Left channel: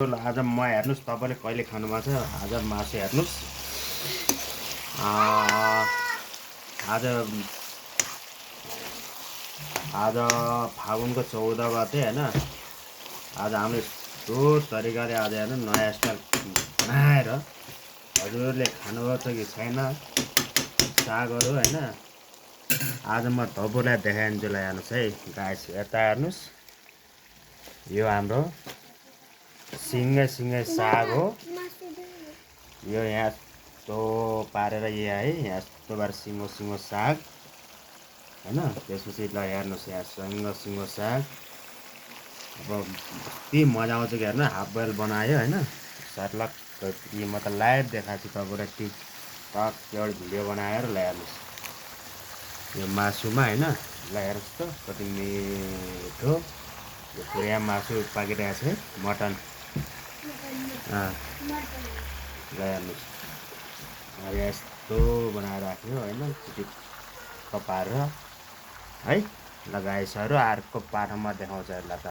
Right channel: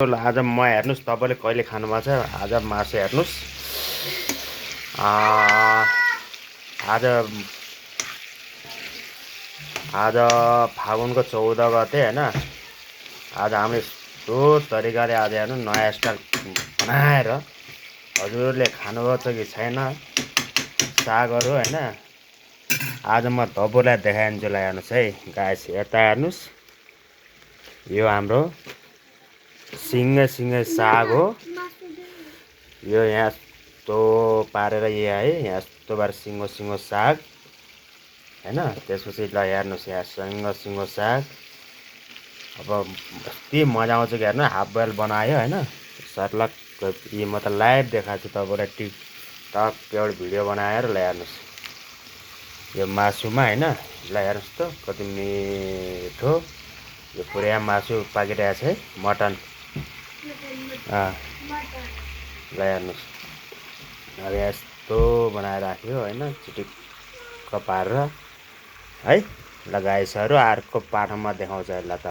आज म हेर्नुहोस् तपाईँले कहिले खानुभएको छ आज मासु हेर्नुहोस् आज आज फागुनको 14 गते होइन आज हामीले यस्तो तरिकाले आज हेर्नु नयाँ स्टाइल बनाएर हजुरहरूले खानुभएको छ कि छैन सागहरू होइन आज म तपाईँलाई देखाइदिन्छु ल हेर्नुहोस् है गाइस यता हेर्नुहोस् यो हाम्रो सिङ्गै साग हो यो यहाँ यस्तो पारेर यहाँ है यहाँ यस्तो पारेर सिङ्गो साग होइन त्यसपछि ल हेर्नुहोस् यहाँ सिङ्गो साग अब कति मजा आउँछ कि हेर्नु हाफ बोइल बनायो होइन सर्लक म त लाइभ देखाएको छु तपाईँलाई टिकटक एउटा भिडियो बनाएर ल हेर्नुहोस् यो मासुमा होइन ल हेर्नुहोस् त कति मिठो यो पुरै मासु पाकिरहेको छ है मटन ल हेर्नुहोस् अब यस्तो बनाएर राख्यो होइन चिटिक्क पारेर है ल गाइसहरू अर्को पाठामा देखाउँछ ल त